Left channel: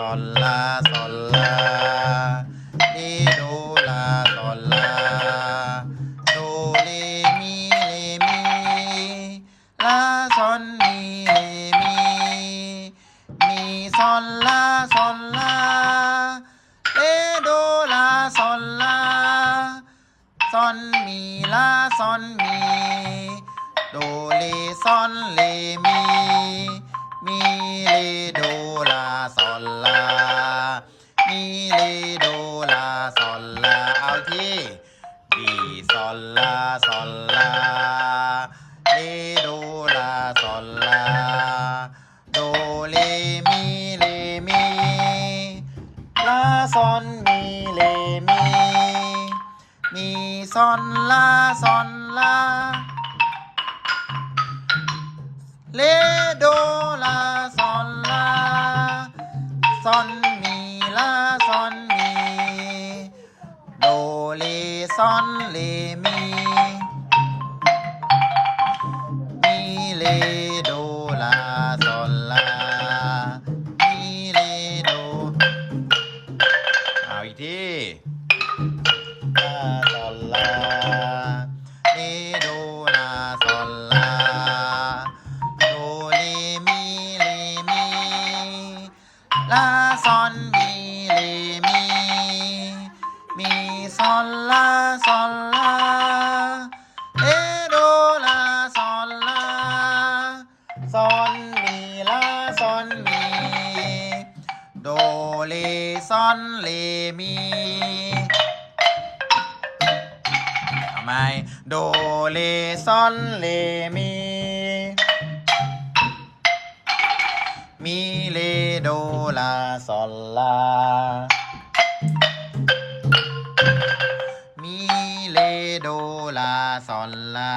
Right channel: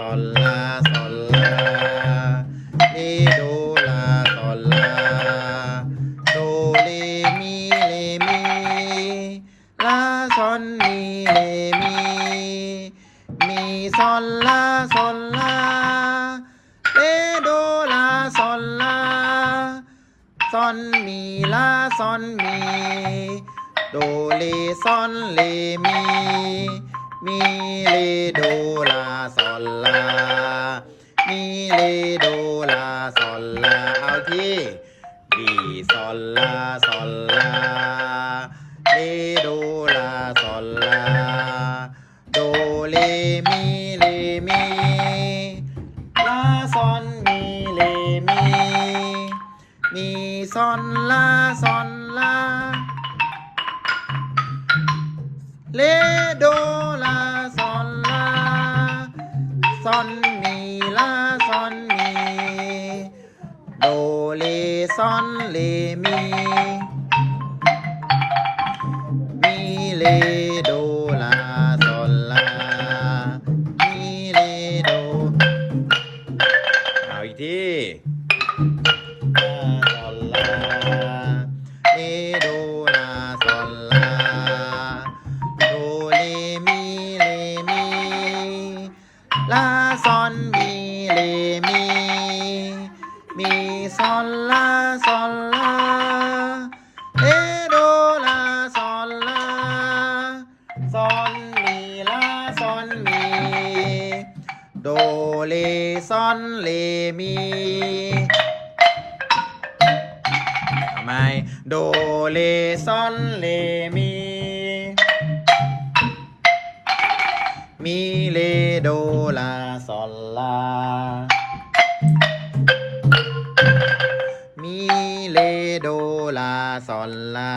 ซอนลาซอนลาเลโดลาซอนลาโดเลมีเลมีลาซอนมีเลมีมีซอนลาซอนลาเลโดลาซอนลาซอนมีลาซอนมีโดเลซอนเลมี มีเลโดลาซอนลา มีเลโดลาซอนลา เอาที่ดีซอนลาซอนลาเลโดลาซอนลา โดเลมีเลมีลาซอนมีเลมี มีซอนลาซอนลา เลโดลาซอนลาซอนมีลาซอนมีโดเลซอนเลมีมีเลโดลาซอนลามีเลโดเอาอีกที ลาซอนมีเลมี มีซอนลาซอนลาเลโดลาซอนลาซอนมีลาซอนมี โดเลซอนเลมีทำไมโดเลซอนเลมี มีเล โดลาซอนลา มีเลโดลาซอนลา